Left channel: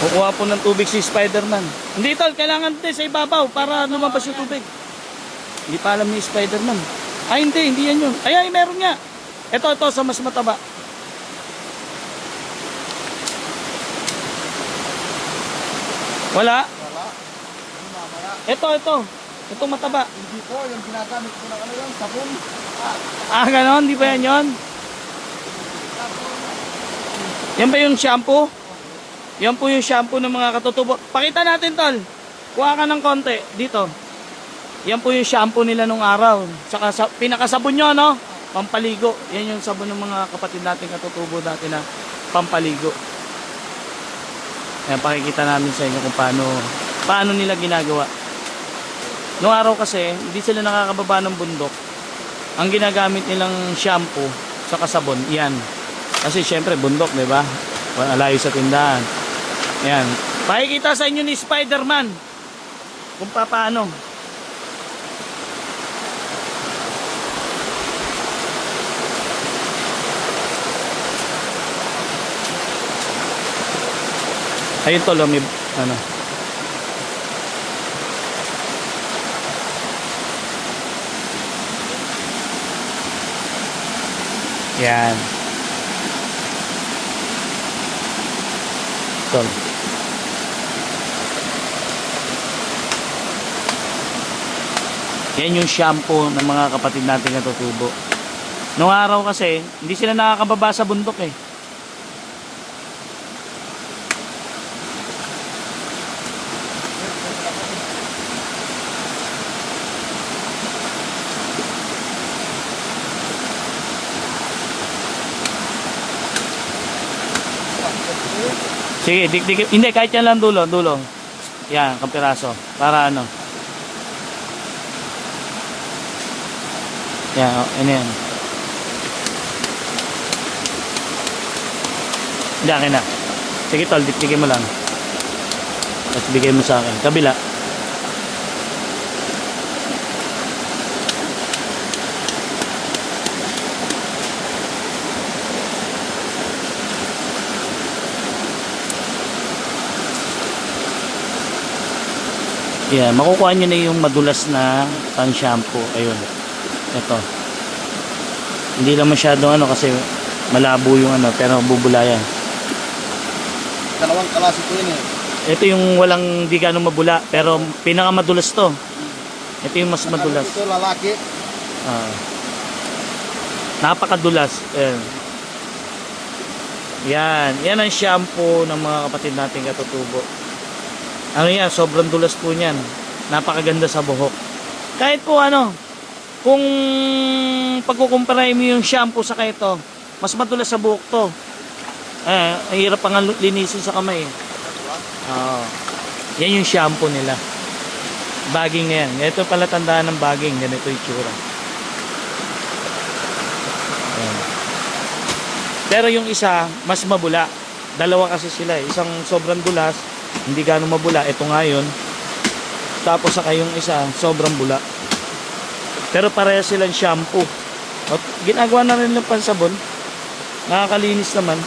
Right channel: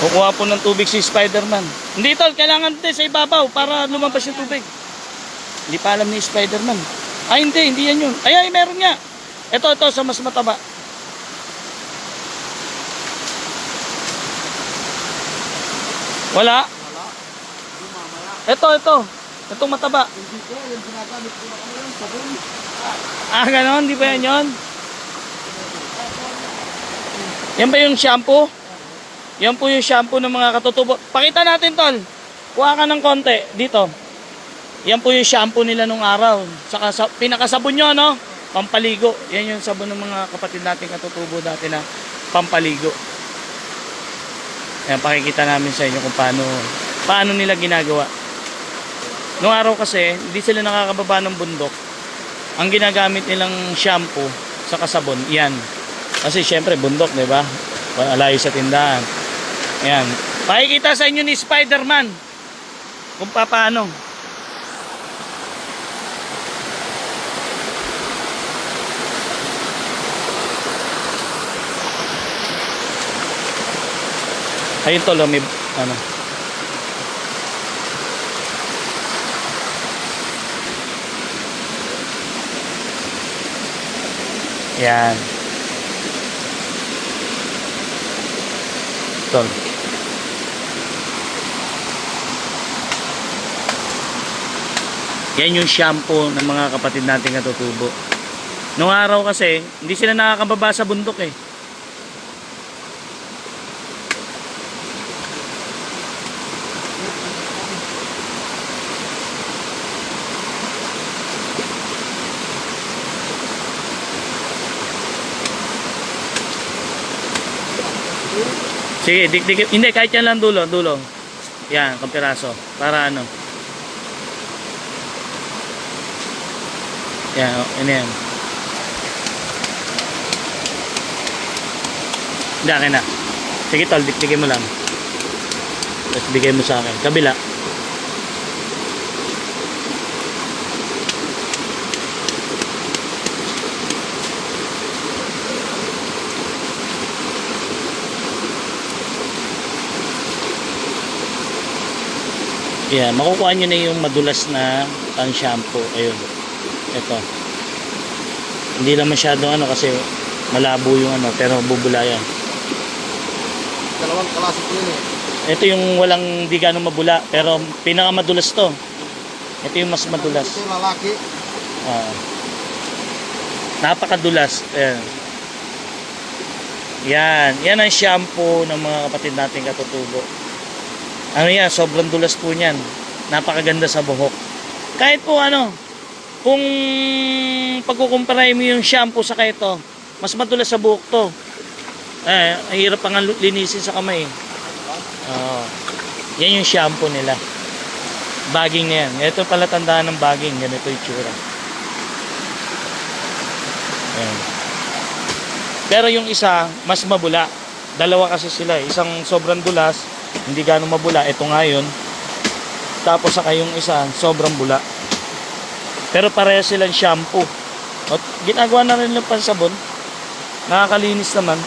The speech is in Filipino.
Kukuha po ng tubig si Spider-Man. Hindi tol, kailangan din sa ibabaw para lumabas yung tubig. Hindi pa alam ni Spider-Man. Ay hindi yan yun. Ay meron nga. Ito sa mas mataba. Wala. Ito. Itong mataba. Hindi po, yung ginagamit ko na yun, sabon. Ganon, di ba yan yun? Yan ba yung shampoo? Yan po yung shampoo ng mga katutubo. Pakita natin tol. Kuha ka ng konti dito. Yan po yung shampoo nila nung araw. Saka pinakasabon nyo, no? Pampaligo. Yan yung sabon ng mga kapatid natin katutubo dati na pampaligo. Ayan, pakikita namin sa inyo kung paano nila ginagawa. Noong araw kasi, hindi sila nakakababa ng bundok. Ang ginagamit nilang shampoo sa kasabon, yan. Kasi syempre, bundok, di ba? Layo sa tindahan. Ayan. Pakikita sa inyo ni Spider-Man kung paano. Ayun tol, may ano. Yan. Tol. Yan yung shampoo ng mga kapatid nating katutubo. Noong araw kasi, hindi sila nakakababa sa bundok eh. Sige, dik. Hindi, kahit yan lang dulo. Yan, kapiraso. Para ano. Yan, ano yan. Hindi, akin na. Sige tol, dikdikin mo lang. Tapos bigay mo sa akin. Kabila. Yeah, makukuha nyo na yung madulas na pang shampoo. Ayun. Ito. Hindi lang masyado ano kasi malabo yung ano, pero bubula yan. Dalawang klase ko yun eh. Ito yung walang di ganong mabula, pero pinakamadulas to. Ito yung mas madulas. Ito lalaki. Napakadulas. Ayan. Yan ang shampoo ng mga kapatid natin katutubo. Ano yan, sobrang dulas po niyan. Napakaganda sa buhok. Kahit po ano, kung pagkukumpara mo yung shampoo sa ito, mas madulas sa buhok to. Hirap pang linisin sa kamay. Yan yung shampoo nila. Bagging na yan. Ito pala tandaan ng bagging. Ganito yung tsura. Ayan. Pero yung isa, mas mabula. Dalawa kasi sila. Isang sobrang dulas, hindi gano'ng mabula. Ito nga yun. Tapos saka yung isa, sobrang bula. Pero pareha silang shampoo. At ginagawa na rin lang pansabon. Nakakalinis naman.